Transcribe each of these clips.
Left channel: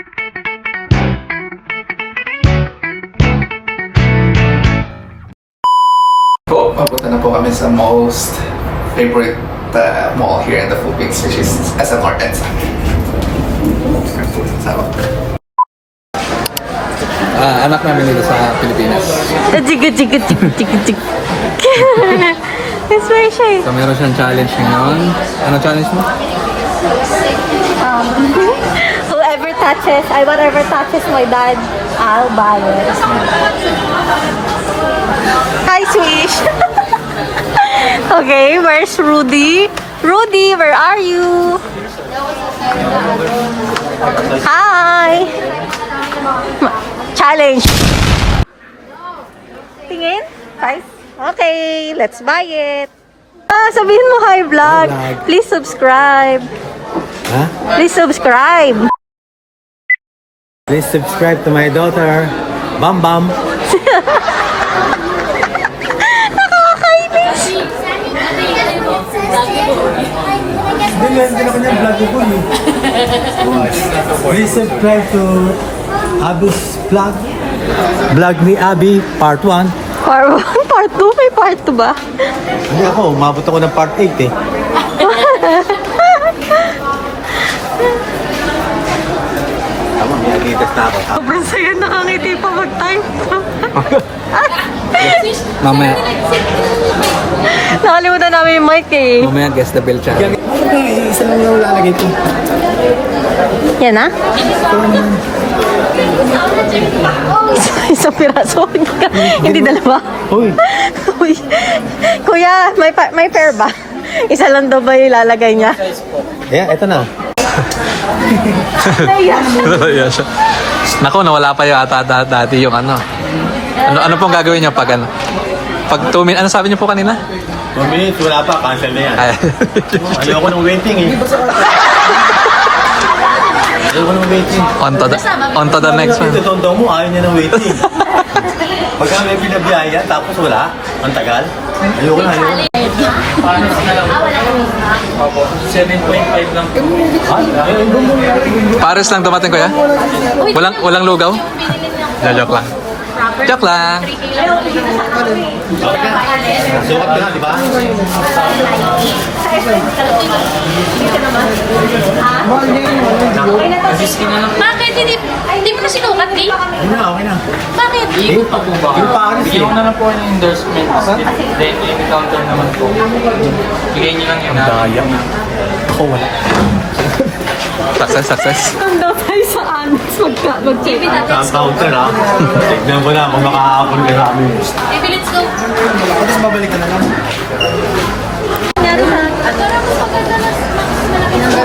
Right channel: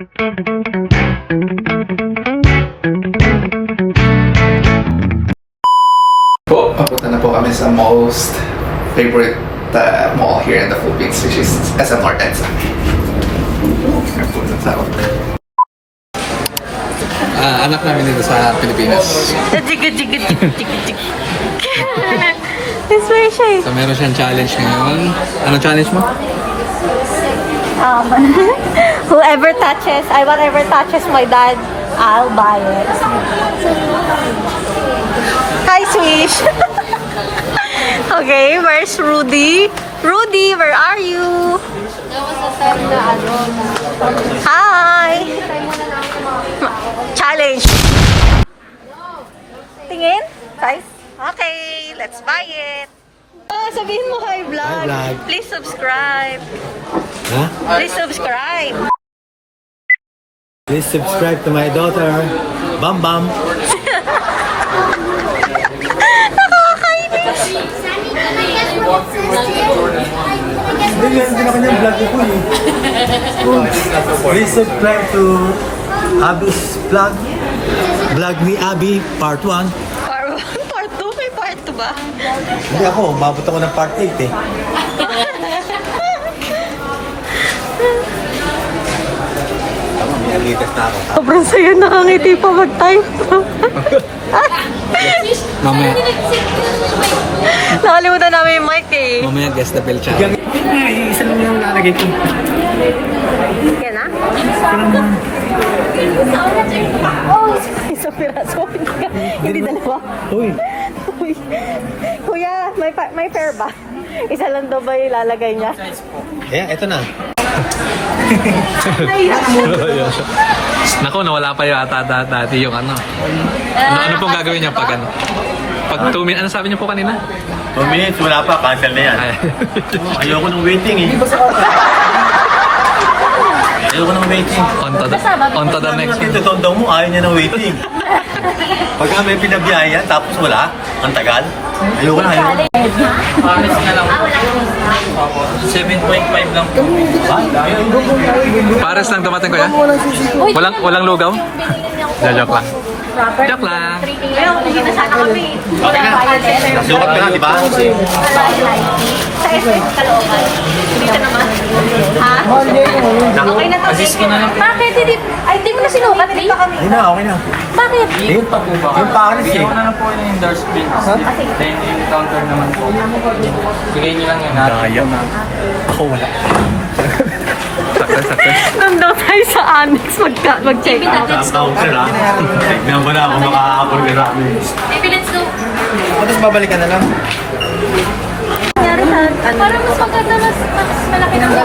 Po, papunta na po kami sa most favorite mall here in the Philippines, which is SM North Edsa. Anak namin dito sa Pilipinas. It's very shy. So meron siyang challenge ngayon. Anong challenge mo? Whatever touches my dad, I'll buy it. Hi, Swish. Okay, where's Rudy? Rudy, where are you? Hi. Challenge. Tingin? Price? Okay, let's buy it. Sabihin mo hi, vlog. Hi, vlog. Please subscribe. Huh? Please subscribe. Please subscribe to my daughter, Bam Bam. Please subscribe to Abby's vlog. Vlog ni Abby, part 1. Part 1, part 2, may part 2 ba? Hindi ako, umabot ako ng part 8 eh. Nalitas na ako. Sobrang saya, nakangiti pa mag-time. Mamaya. Nakalimutan namin yung mic eh. Mamaya guess the bell challenge. Isa lang yung lalagay ko. Yan na? Isang piraso. Hindi dalawa. Uy. Uy. Kuya, may pair ba? Isa lang daw ba yung ilalagay niya? Ayan, ito na. Yeah, siya. Naku, nawala pa yung ata dati yung ano. Ano pong gagawin niyo pag ano? Pag 2 minutes, ano sabi niyo po kanina? 2 minutes, wala pa, cancel na yan. Ayoko ng waiting eh. Ayoko ng waiting. On to the next one. Ito daw mo, ayaw niya ng waiting. Pagka may pinabiyaya, tapos wala, ang tagal. Ayoko na, ayoko na. 7.5 lang po. Pares lang dumating ko ya? Walang lugaw? Joke lang. Joke lang. Okay na. Nasukat ka na, di ba? Sa SM sa looban. Dito naman. Ha? Okay na to. Bakit? Hindi mo na sinukat, Lee? Hindi na, okay na. Bakit? Yung pa po ba? Yung Paris eh. Bigyan ko na lang po yung endorsement. Like yung counter naman po. Bigay niyo lang yan. Daya. Ako wala. Success. Nung daw tayo sa annex, mag-check. Sa counter ah. Tignan ko na kung makakapag ka sa amin. Baby, let's go. Tapos babalikan na lang. Parang mas maganda, mas malaki na siya.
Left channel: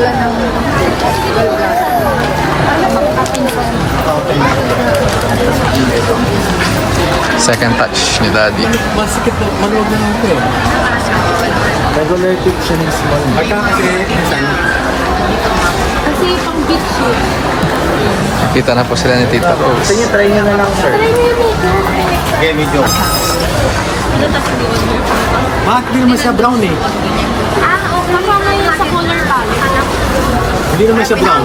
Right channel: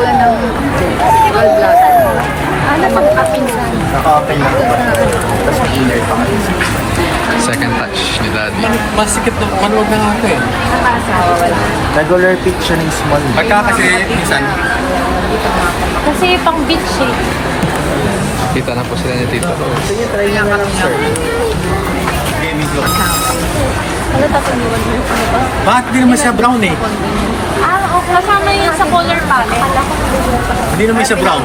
Okay na ako ba? Second touch ni Daddy. Masikip na, maluwag na nga ako eh. Regular pitch siya ng small. Pagka kasi, minsan, Kasi pang beach eh. Kita na po sila ni Tita Rose. sige, try na nga sir. Okay, medyo. Bakit di naman siya brown eh? Kasama yun sa color palette. Hindi naman siya brown.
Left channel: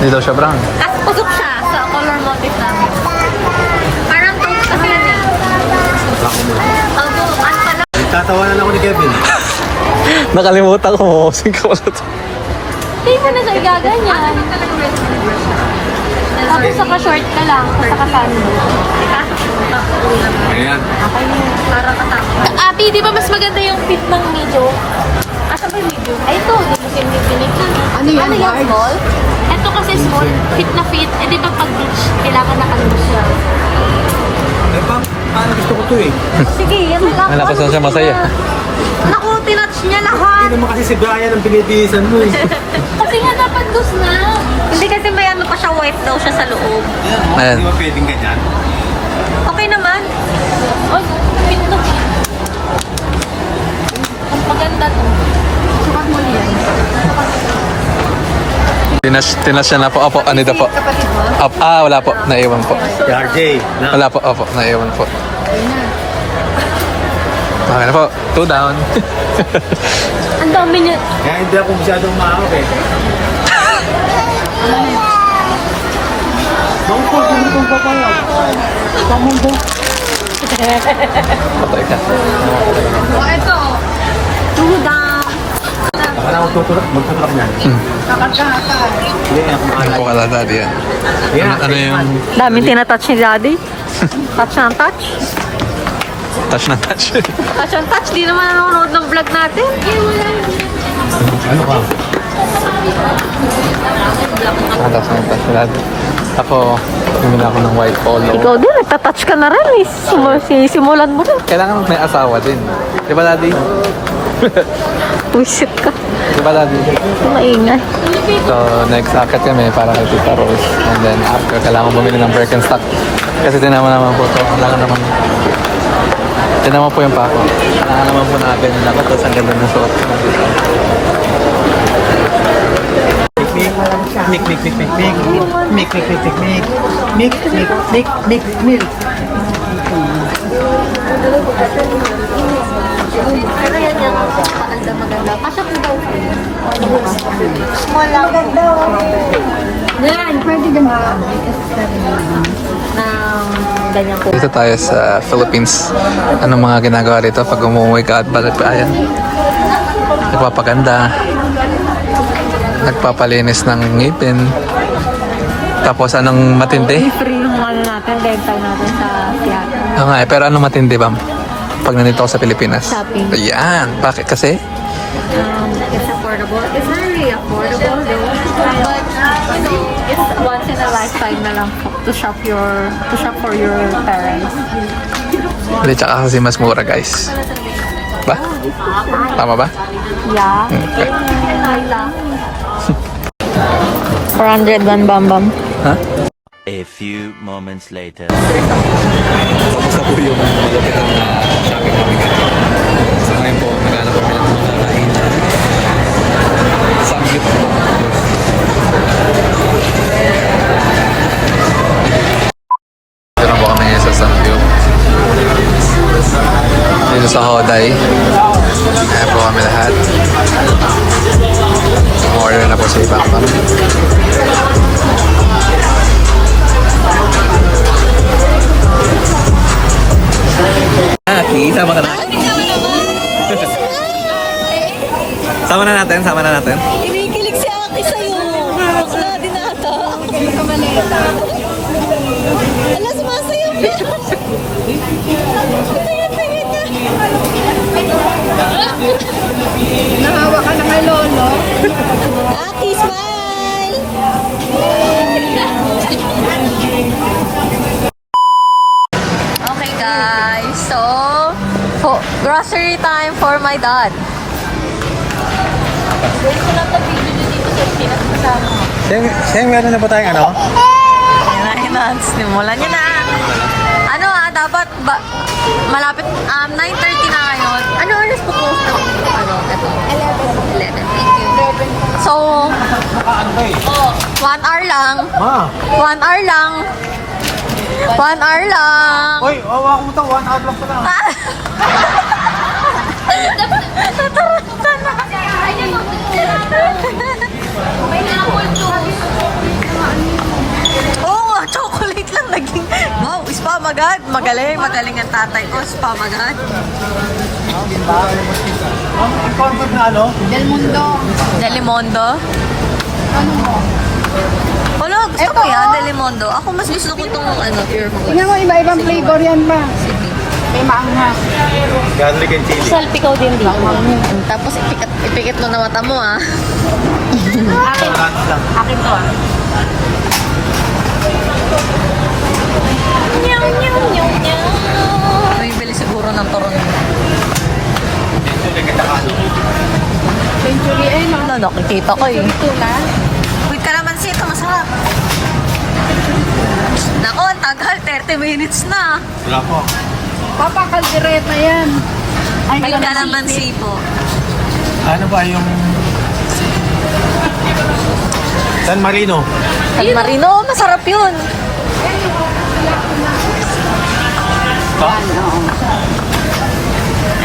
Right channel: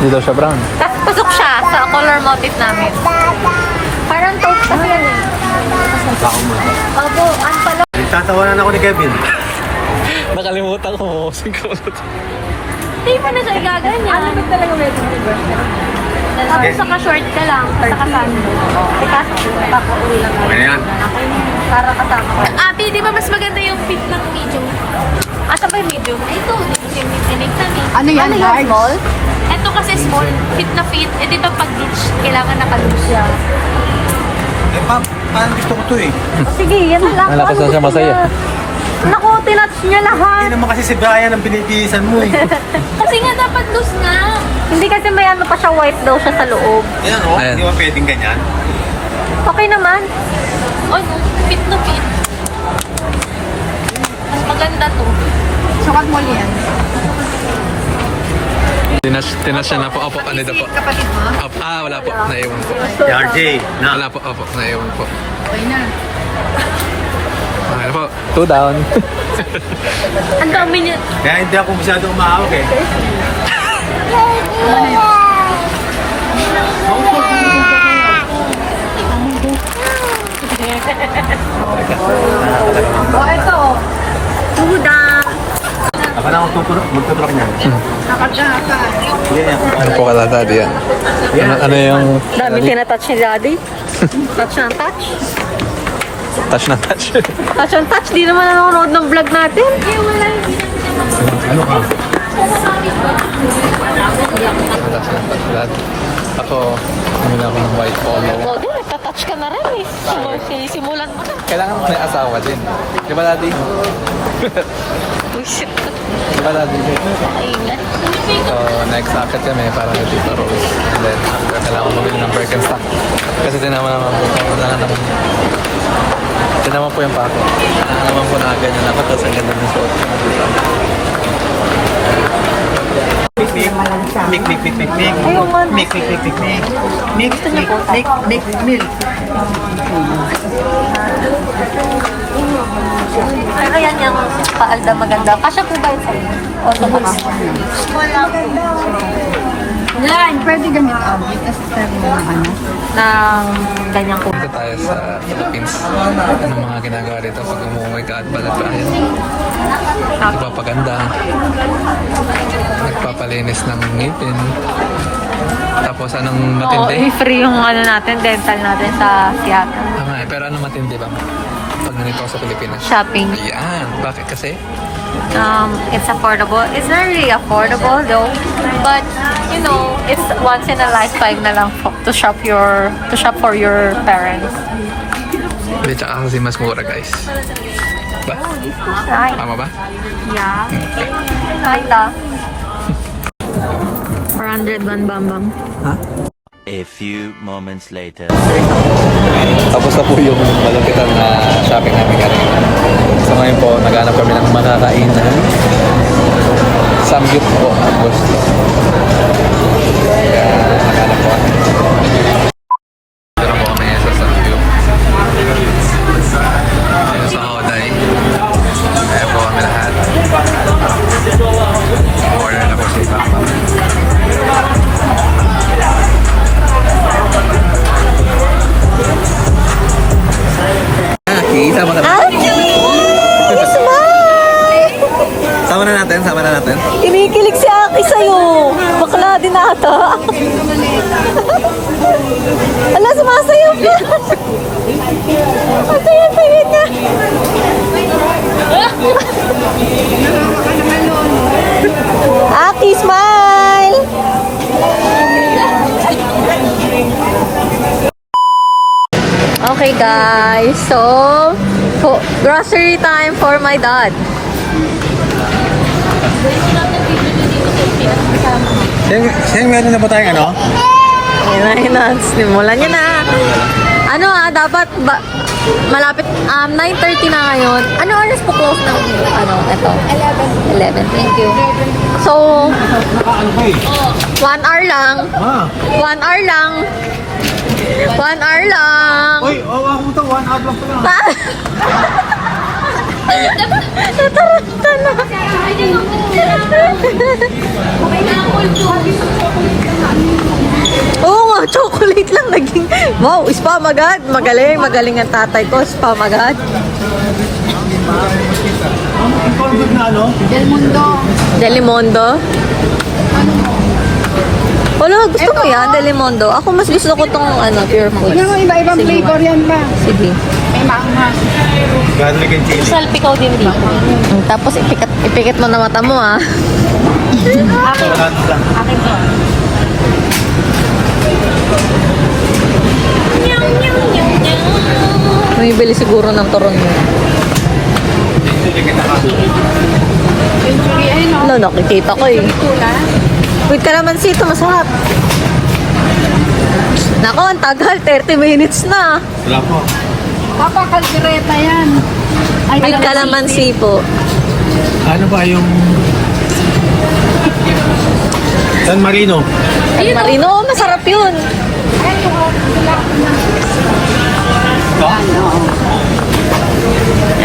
Hindi daw siya brown. Tapos pasok siya sa color motif namin. Parang taupe kasi yan eh. Baka mo lang. Abo, ano pala? Tatawanan ako ni Kevin. Nakalimutan ko. Mukha ko na to. Hindi ka na siya gaganyan. Ano talaga mag-video? Tapos saka-short ka lang. Saka-sando. Pasok mo, papauwi lang. Okay na yan. Para kasama ka. Ate, di ba mas maganda yung fit ng video? Asa ba yung video? Ay, ito. Dito siya pinig na. Ano yan, large? Small? Ito kasi small. Fit na fit. Eh, di ba pag beach, kailangan naka-loose siya. Eh, parang gusto ko to eh. Sige, yan lang. Wala ko saan siya masaya. Naku, tinouch niya lahat. Hindi naman kasi si Brian ang pinipisan mo eh. Kasi nga dapat loose na. Hindi kasi may ano pa siya, white daw siya sa loob. Ayan o, Ayan. hindi ba pwedeng ganyan? Okay naman. Ano? Fit na fit. Maganda to. Sukat mo niyan. Tinas siya na po. Opo, ano daw po? Wala po. Naiwan po. Si RJ. Na. Wala po. Opo, naiwan po. Okay na po. 2 down. Ang dami niya. Kaya hindi ako masyadong maawag eh. Teka. O, ito. Tudang. Ako na magtutrok niyan. Kakagatan. Ano po kala daddy yan? Ano yung... Dami tinatouch ni Daddy. Touch ng touch. Touch na touch. Touch ng touch. Di naman makakamod ng vlog natin. Eh, wala. Ano ka? Touch na touch. Ako, simula ko ng white polo. Ikaw din, nagtatouch ka na rin eh. Simulan mo rin. Kailangan may asawa din. Di ba daddy? Uy, shit ka. Di ba daddy? Maingay. Next akit kami para may Tita Rose. And then, kailangan mo bumili ng Birkenstock. Kasi tinaman naman po ito. Kailangan naman. Tinaman po yung pako. Kailangan naman po na ganyan dapat. Tapos ang ganda ng suot. Mik. Pero yan yung paalda maganda. Kasya po ba ito? O, tapos. Yan, pwede ganda. Ng ganyan po. Dito tayo sa Philippines. Anong mga ginagawa dito pag umuwi ka at balik pa? Ayan. Nagpapaganda. Nagpapalinis ng ngipin. Tapos anong matindi? Free yung ano natin, dental natin sa Seattle. Oo nga eh, pero anong matindi ba? Pag nandito ako sa Pilipinas. Shopping. Ayan. Bakit kasi? It's affordable. It's not really affordable though, but you know, it's once in a lifetime na lang to shop for your parents. Hindi, tsaka kasi mas mura guys. Ba? Tama ba? Yeah. Okay. Hala. 401 bam. Ha? A few moments later. Tapos na po yung malapitan na shopping namin. So ngayon po, naghanap kami ng makakain na samgyup po. Gusto. Dito na po kami ngayon sa samgyup. Dito sa Hoday. Ayan po kami lahat. Order na po si Bakbak. Sama ka na. Sama na natin. Kinikilig si Aki sa'yo. Bakla din ata. Ala, sumasayaw ka. Tingin ka. Nahawa ka na ngayon, no? Aki, smile! Okay guys, so grocery time for my dad. Siyang meron na ba tayong ano? Ayun na, simulan niya na. Ano dapat malapit 9:30 na ngayon. Ano oras po close na? 11, thank you. So, 1 hour lang. 1 hour lang. 1 hour lang. Uy, ako ito, 1 hour lang pala. Natarot ka na. Oo nga, chocolate lang naging. Wow, spam agad. Magaling ang tatay ko. Spam agad. Ang pagod na ano? Delimondo. Wala, gusto mo yan, Delimondo. Ako mas gusto ko tong pure food. Tingnan mo, iba-ibang flavor yan ba? Sige. May maangas. Garlic and chili. Salpikaw din di. Tapos ipikit mo na mata mo Akin to Bumibili siguro ng turon niya. Ano, nakikita ko eh. Wait ka naman sito, masarap. Nako, ang tagal, 30 minutes na. Wala po. Papa, kaldereta yan. Ay, Wait ka naman sipo. Ano ba yung... San Marino? San Marino, masarap yun. Ha?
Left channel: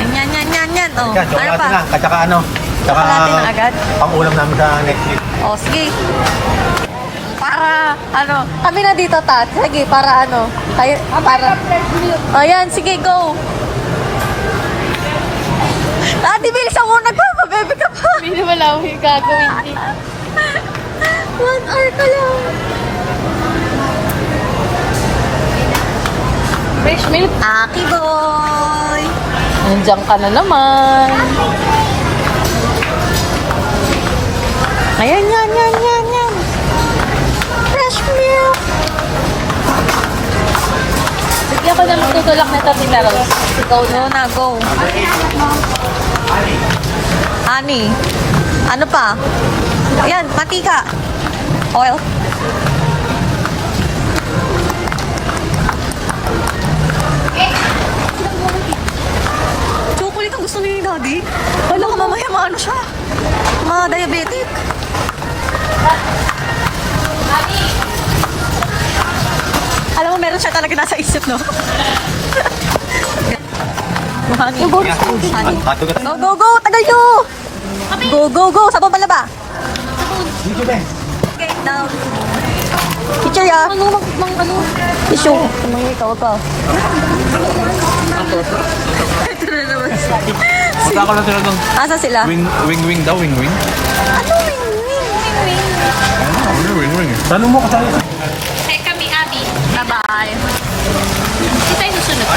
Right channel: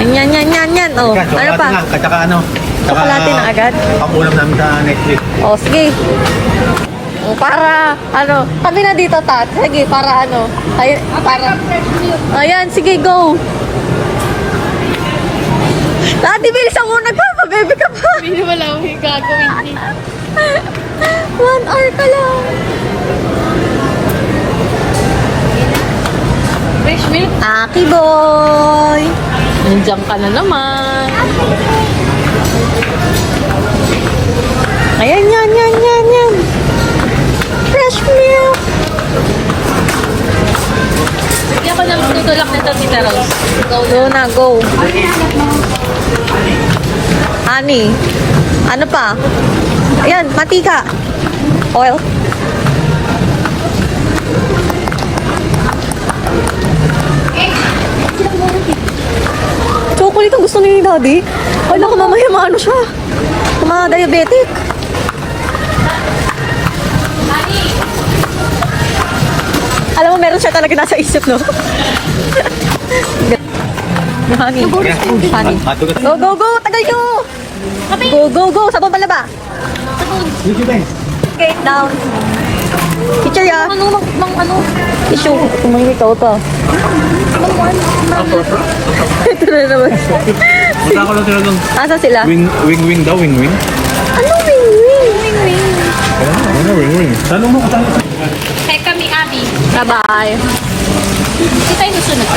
Yan. Oh, ano pa? At saka ano? Chocolate na agad. Pang-ulam namin sa next week. Oh, sige. Para, kami na dito, Tat. Sige, para Ayan, sige, go. Ate, bilisan mo. Nagpapabebe ka pa. Hindi wala akong gagawin. 1 hour pa lang. Fresh milk. Aki boy. Nandiyan ka na naman. Ayan, yan. Fresh milk. Sige ako nang tutulak na ito, Tita Rose. Go na, go. Honey. Ano pa? Ayan, mantika. Oil. Chocolate ang gusto ni Daddy. Ay, baka mamaya maano siya. Ma-diabetic. Alam mo, meron siya talaga nasa isip, no? Honey. Honey. Go, go, go! Tagal nyo! Go! Sa baba ba? Okay, down. Teacher, ya. Issue. Tumahimik ka, ka. Ito na naman. Baka na talagang Asa sila? wing daw, wing. Ano wing? Ano, wing. Check kami, Abby. Bye-bye. Hindi tayo susunod.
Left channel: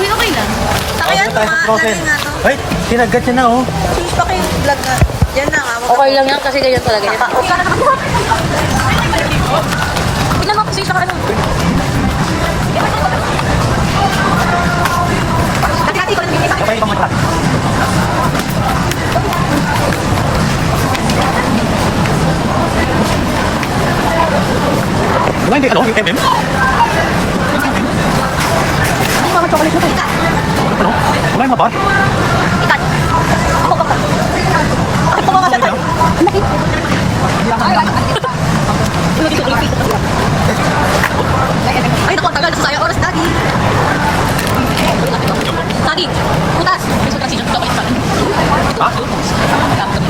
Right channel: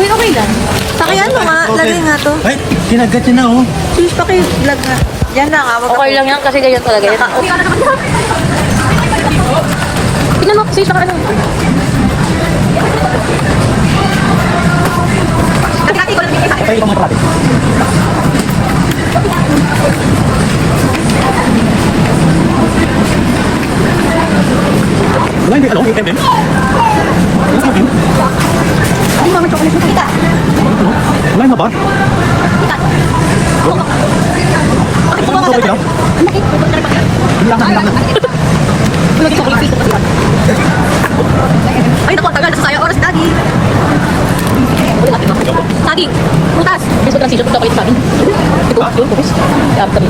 Uy, okay lang. Pakiyan mo nga. Lagi nga to. Ay, kinagat niya na oh. Sus, paki-vlog nga. Yan na nga. Okay lang yun kasi ganyan talaga. Tignan mo, sis, baka ano. Okay, ito mo ito. Hindi, alam mo, hindi. Ano mga chocolate mo? Kita. Wala yung mabar. Kita. Ito mo ito. Ay, naku, tagal na sa sayang oras, Daddy. Daddy, putas. May sobrang sisyo, pagka ko ito. Ito, tapos. Iab kami.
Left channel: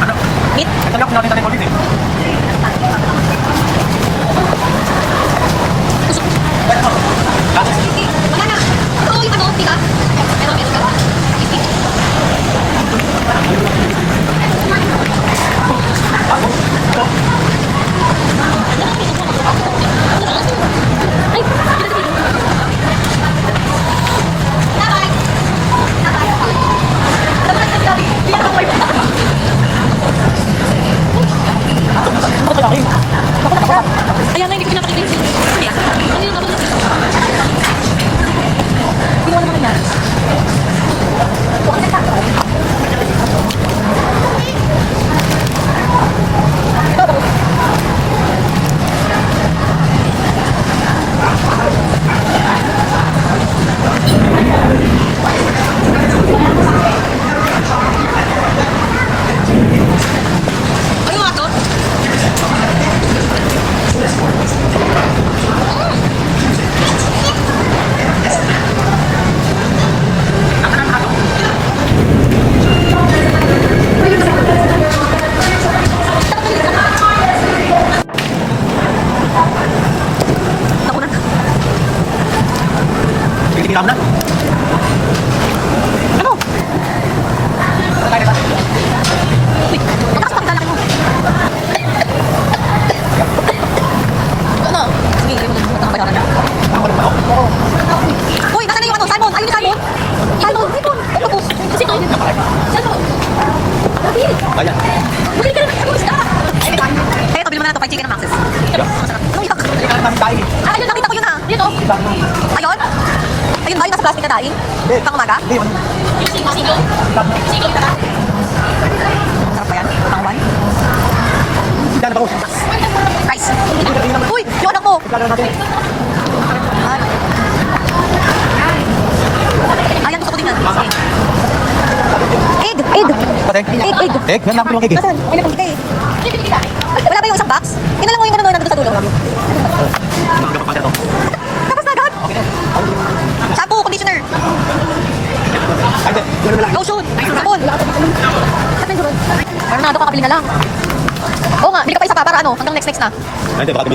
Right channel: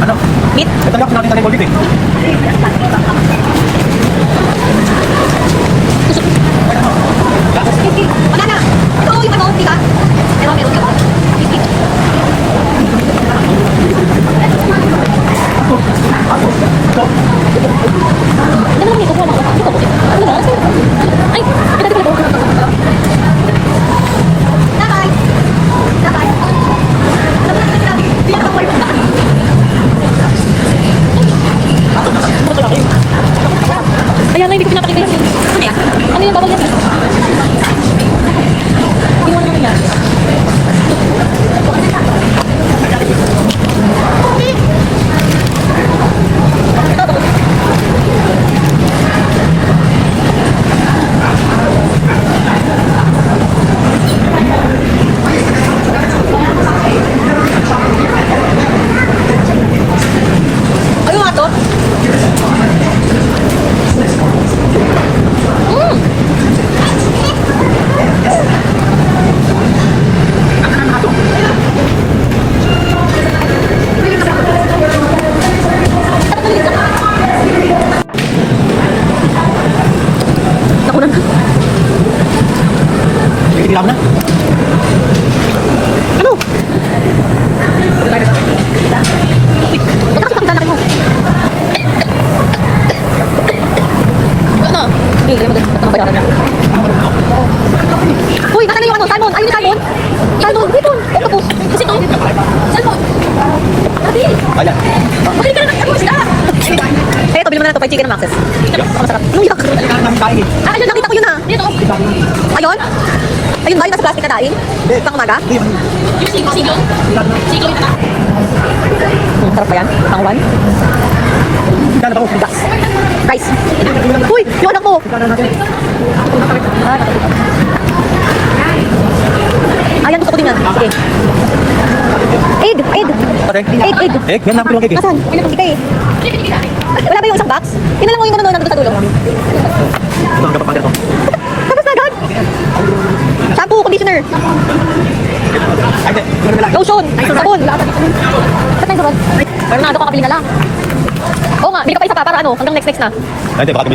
Ano? Ito lang natin sa table dito eh. Ayan na, hindi ko pinapakita. Ano yung bawal yan? Iwan naman yan. Ano nga to? Nakunan na. Pinilap na. Ano? Ba't kasi pakita natin mo? Ano? Hindi, hindi mo doon. Ba't bayaran na? Uy, nasaan na yung ano? Salmon! Ayun yung salmon! Salmon! Dito! Octopus! Kasi ito! Salmon! Ayan. Eh, ito, bilhin mo na ito. 5 chicken and maxes. Masarap. Anong yak? Ah, ayun, nakita ko yun ha. Dito. Ayun? Ayun ba? Yung nasa plastic na daing? Pang umaga? Sarap pa yan? Pang one? Guys. Uy, yung anak mo. Ah, nakita. Ayan, gusto ko tingnan. Sige. Egg! Egg? Meron ako tulong egg eh. Asan? Ay, napagkita eh. Wala ba yung isang box? Yun na lang yung gano'n nandito sa dulo. Ito ang kapapagod ito. Tapos na agad. Shampoo, conditioner. Lotion! Sabon! Ba't nang sabon? Bernardo, kakabili na lang. Oo nga, bili ka pa isa pa para ano, hanggang next na. Hindi, tago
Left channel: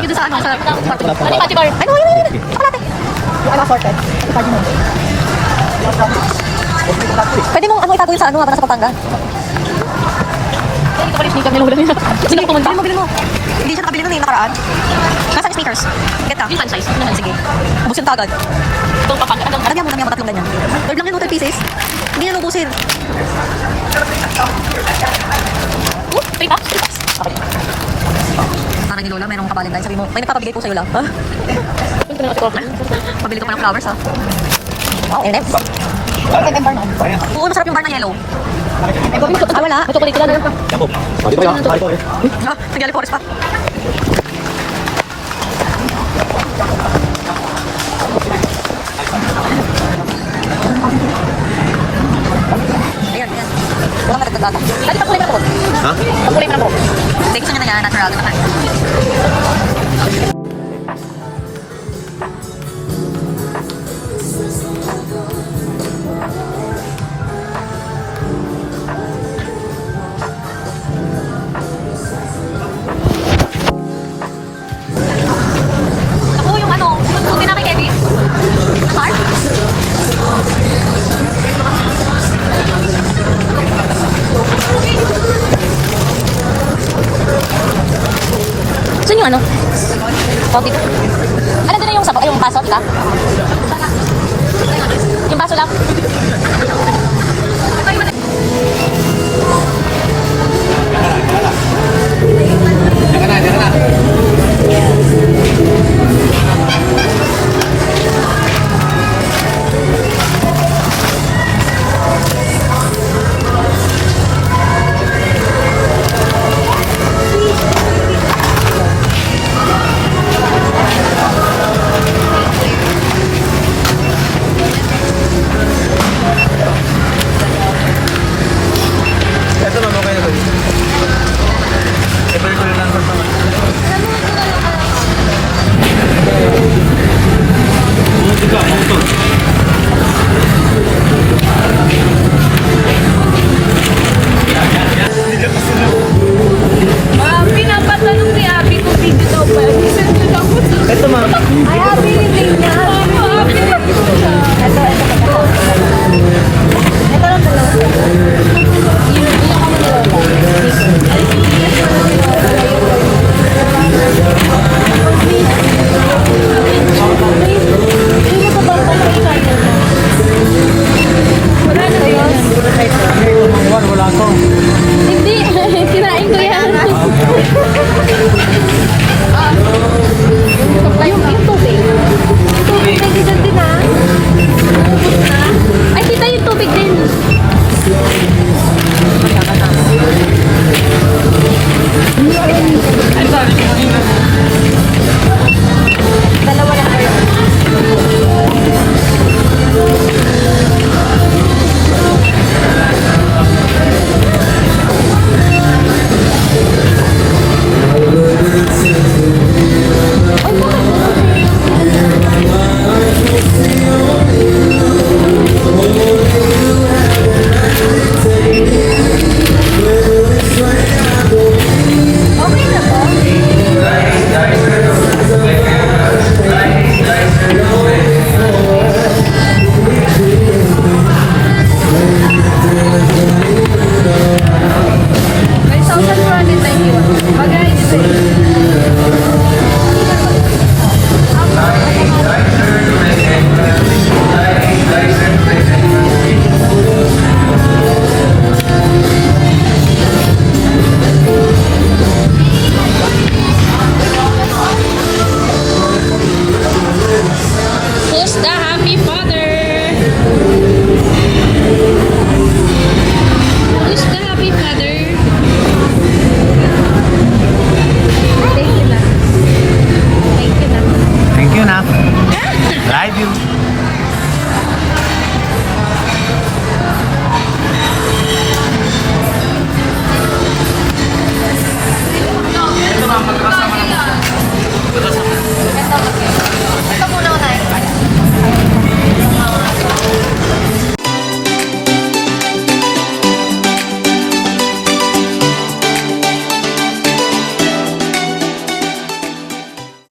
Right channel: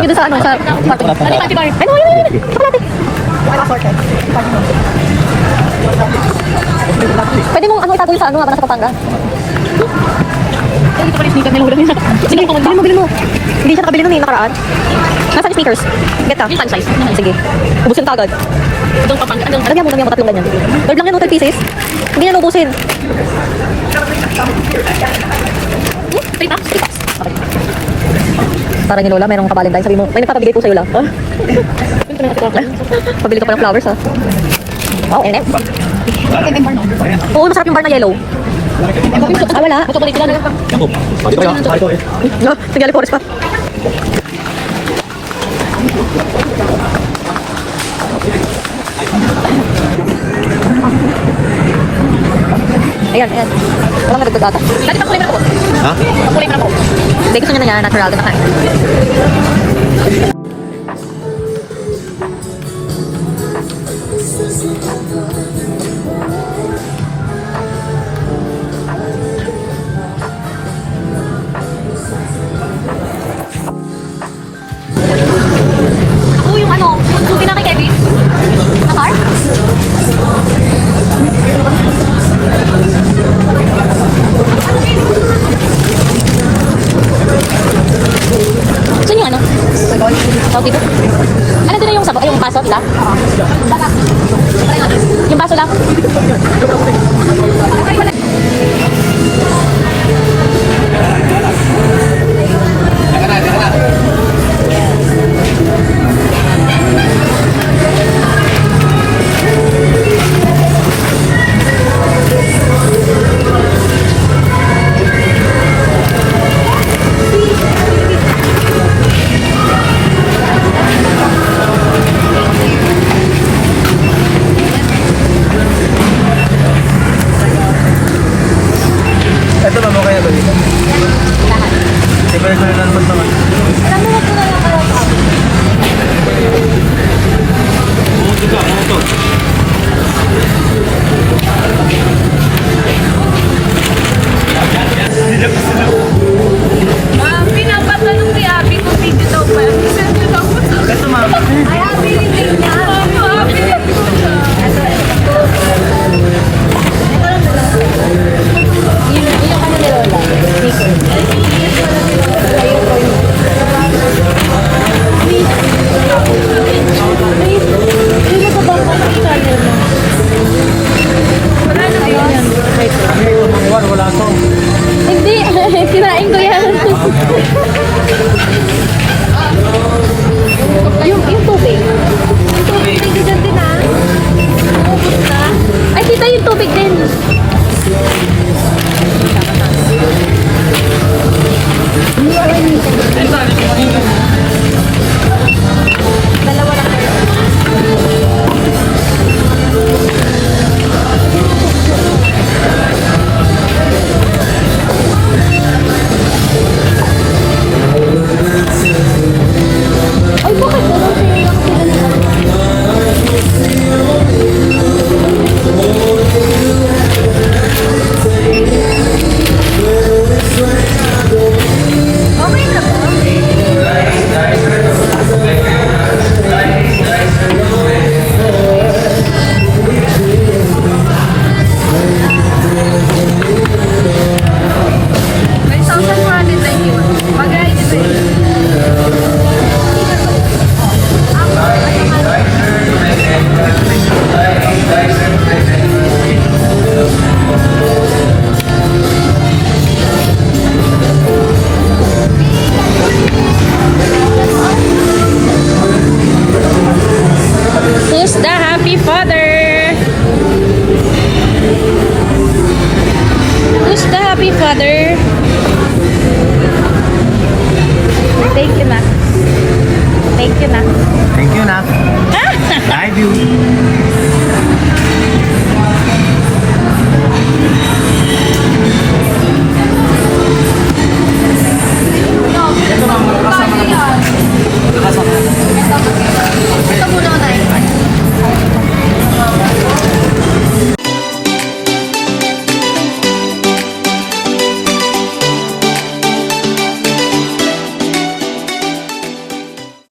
nyo dun sa ano, sa kwarto nyo. Ano, Ate Bird? Ay, no, yun. Saka natin. Pwede mong ano itago yun sa ano, habang nasa Pampanga. Sige, bilhin mo. Hindi siya nakabili nun eh, nakaraan. Nasaan yung sneakers? Get ka? Yung fan size. Sige. Ubusin ka agad. Itong Pampanga. Lagyan mo lang yung tatlong ganyan. Third lang yan, 12 pieces. Hindi na ubusin. Three packs? Parang yung Lola, mayroong ka-Valentine. Sabi mo, may nagpapabigay po sa'yo lang. Ha? Pabili ka pa ng flowers, ha? Wow, M&M's. Oo, masarap yung bar na yellow. Ah, wala. Ah, nagali forest pa. Ayan. Walang nadagdag ata. Dati pa kulay na po. Ha? Kulay na po. Hindi, gusto niya na nga natural na kain. Ako yung ano, yung suki na kay Kevin. Nakar? Saan yung ano? Oh, dito. Ano din na yung baso, diba? Yung baso lang.